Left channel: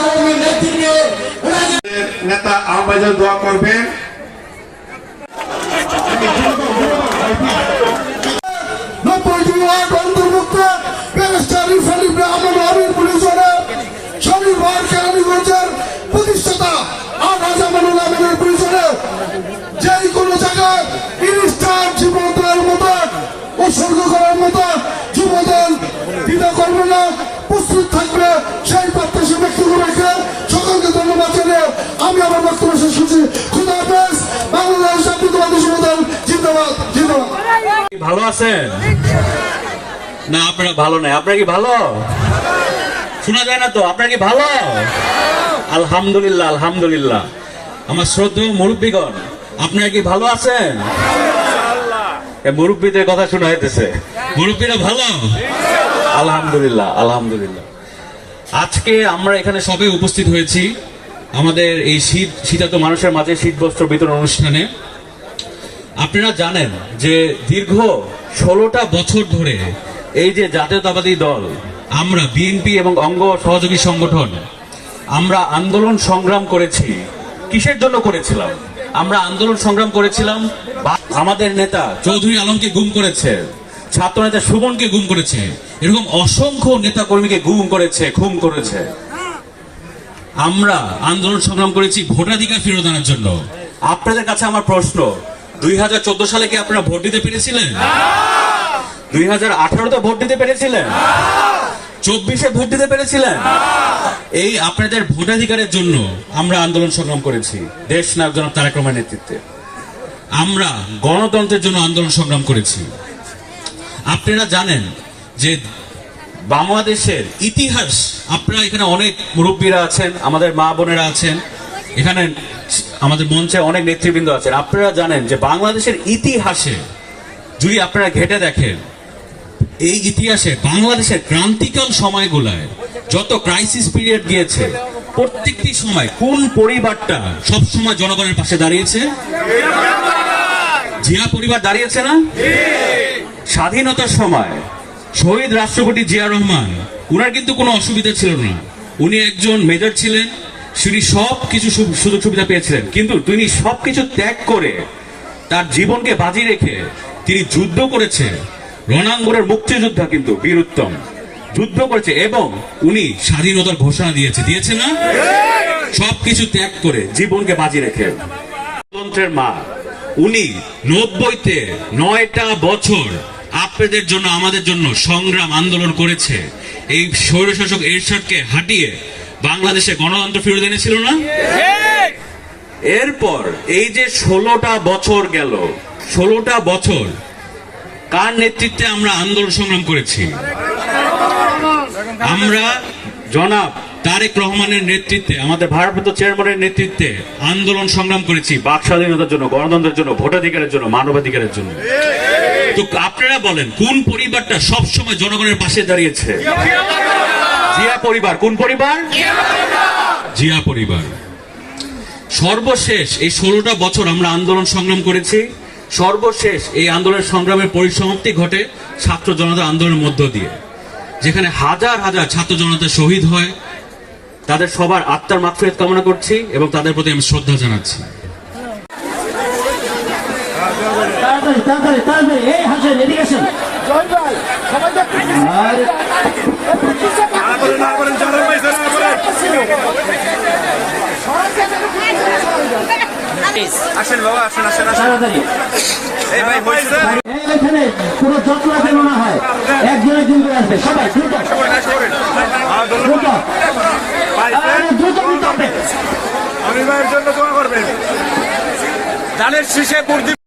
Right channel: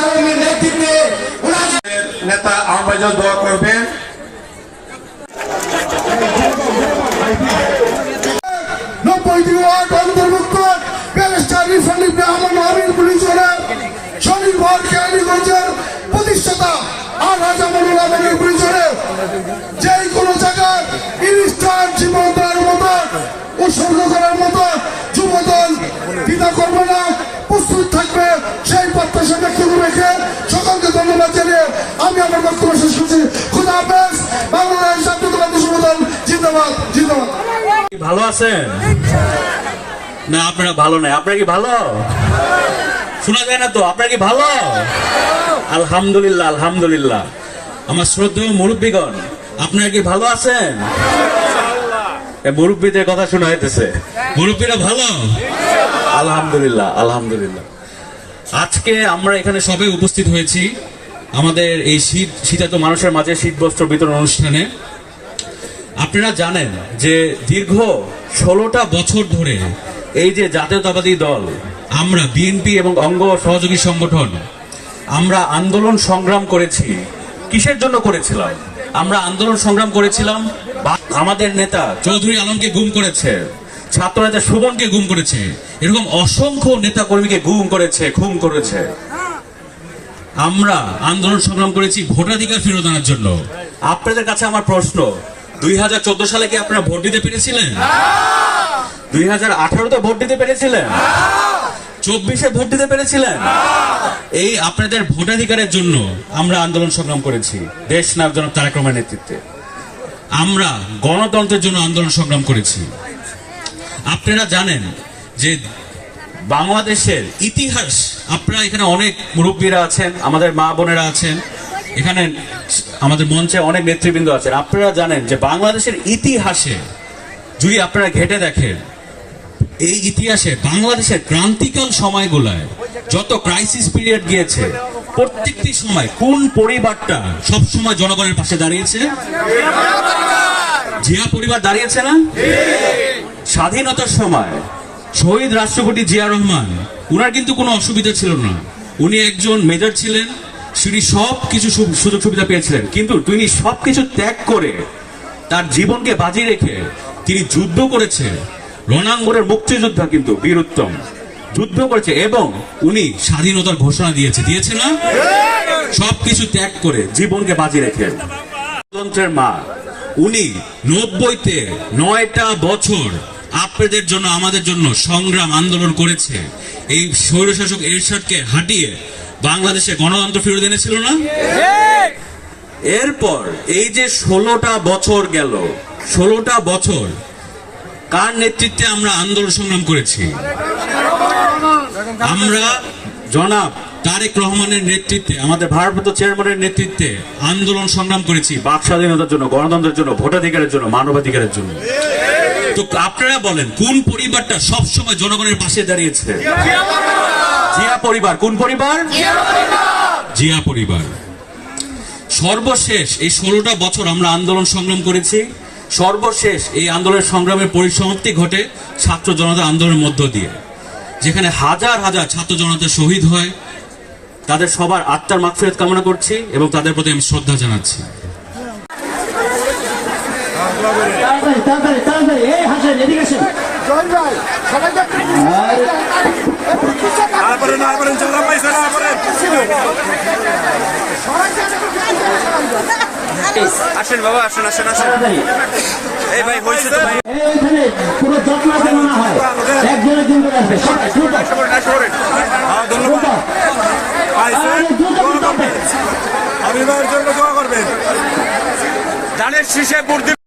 আলমের নেতৃত্বে নেতা আহ্বায়ক দোয়া করবেন। নব্বইটি ওয়ার্ড অন্তর্ভুক্ত, ব্যারিস্টার ইরফান ইব্রাহিম আমির পুলিশ শনিবার কেরানীগঞ্জের প্রতিষ্ঠাতা আর রাজা মনুল যে কোনো জায়গায় ইনস্টান জীবনদার মতো উৎসর্গ করার মতো জানিয়ে আমি আমার বক্তব্য শেষ করছি। খুদা হাফেজ, বাংলাদেশ জাতীয়তাবাদী যুবদল জিন্দাবাদ জিন্দাবাদ। ভালো আছেন? না, আপনারা ভালো নাই। আপনারা কি ভালো? শোনা যায় না তো? আপনারা কি ভালো? আলহামদুলিল্লাহ আলহামদুলিল্লাহ। আমার শ্রদ্ধেয় মুরব্বীগণ, আপনারা কি ভালো আছেন? মুরব্বীদের কথা শোনা যেতেছে মুরব্বীরা ভালো? আলহামদুলিল্লাহ আলহামদুলিল্লাহ। আজকে আমরা এখানে সবে উপস্থিত হয়েছি। আমাদের এই শীত, শীতাত মানুষের মাঝে শীত বস্ত্র বিতরণ অনুষ্ঠানে আপনারা জানেন যে দীর্ঘ ষোলোটা বছর ধরে এই যে জাতীয়তাবাদী দল, আমরা বিএনপি এবং অঙ্গ সহযোগী সংগঠন, আমরা আন্দোলন সংগ্রাম করেছি। কিসের জন্য করেছিলাম? আমরা আন্দোলন সংগ্রাম করেছিলাম আমাদের নেতা চৌধুরী আলমকে গুম করেছে ছাত্র নেতা সুমনকে গুম করেছে, এরকম অসংখ্য নেতা কর্মীকে গুম করেছে, খুন করেছে। আমরা আন্দোলন সংগ্রাম করেছি ভোটাধিকার ফেরত আনার জন্য। আপনাদের কাছে আমার প্রশ্ন দুই হাজার চোদ্দ সালে কি আপনারা ভোট দিতে পেরেছিলেন? দুই হাজার আঠারোতে ভোট দিতে পেরেছিলেন? চব্বিশে ভোট দিতে পেরেছিলেন? এই আপনাদের ভোটাধিকারের জন্য আমরা আন্দোলন সংগ্রাম করেছি। দেশ নায়ক জনাব তারেক রহমানের নেতৃত্বে। আমরা গণতন্ত্রের জন্য আন্দোলন সংগ্রাম করেছি। আপনারা জানেন যে বাংলাদেশের ইতিহাস। আপনারা এখানে অনেক মুরব্বীরা আছেন, আমাদের মা বোনেরা আছেন। এখানে আমাদের মঞ্চে অনেক নেতৃবৃন্দ আছেন। আপনারা জানেন যে বাংলাদেশের ইতিহাসে যদি আপনারা ঘেটে দেখেন, এই ইতিহাসে বাংলাদেশের ক্রান্তিকাল সময়গুলায় যত ক্রাইসিস পিরিয়ড গিয়েছে, প্রত্যেকটি সময় কোন পরিবারটা সবসময় জনগণের পাশে দাঁড়িয়েছে? জিয়া পরিবার দাঁড়িয়েছে না? স্বাধীনতার সময় শহীদ রাষ্ট্রপতি জিয়া রহমান, উনার কিন্তু কোনো অসুবিধা ছিল না। উনি একজন মেজর ছিলেন, তিনি সব কিছু সুযোগ সুবিধা পেয়েছিলেন। কিন্তু তিনি সব কিছু ত্যাগ করে তার জীবনকে বাজি রেখে তিনি যুদ্ধ করেছে রণাঙ্গনের মুক্তিযোদ্ধা কিন্তু বীর উত্তম। যুদ্ধ করেছে এবং উনি স্বাধীনতার ঘোষণা দিয়েছে। দিয়েছে না? সবকিছু ত্যাগ করে জীবনকে বাজি রেখে। মা, উনি নব্বইতে নয়টা বছর আপনাদের জন্য, আমাদের জন্য সংগ্রাম আন্দোলন করেছে। এই স্বৈরশাসক এরশাদকে হাঁটিয়ে বাংলাদেশে গণতন্ত্র ফিরে এনেছিল না? এরপর এই যে ষোলোটা বছর গেল, ষোলোটা বছর, কার নেতৃত্বে আমরা আন্দোলন সংগ্রাম করেছি? আমরা, জনাব তারেক রহমানের নেতৃত্বে, আমাদের ভারপ্রাপ্ত চেয়ারম্যানের নেতৃত্বে আন্দোলন সংগ্রাম করেছি, বাক স্বাধীনতার জন্য, গণতন্ত্রের জন্য, ভোটাধিকারের জন্য, মানবাধিকারের জন্য। তো আপনারা বলেন, কোন পরিবারটা সবসময় জনগণের পাশে দাঁড়িয়েছে? জিয়া পরিবার। কোন পরিবার? জিয়া পরিবার। সর্বশেষ এই ষোলোটা বছর আমরা আন্দোলন সংগ্রাম করেছি। সর্বশেষ এই আন্দোলনের সংগ্রামের পরিসমাপ্তি ঘটে ছাত্র জনতা আন্দোলনের মধ্য দিয়ে, যেখানে হাজার হাজার ছাত্র জনতা শহীদ হয়। তাদের সবার আত্মার মাগফিরাত কামনা করছি এবং তাদের প্রতি আমি শ্রদ্ধা জানাচ্ছি। আসেন। বাবা আসেন আসেন এই ভাই হয়েছে পুরো যত্ন যেন না হয়। একজন একজন করে আসবে। সবাই দ্রুত দ্রুত আরে দ্রুত দ্রুত আসবে আমি ভাইয়ের জন্য দোয়া করবেন ধানের শীষে বুদ্ধি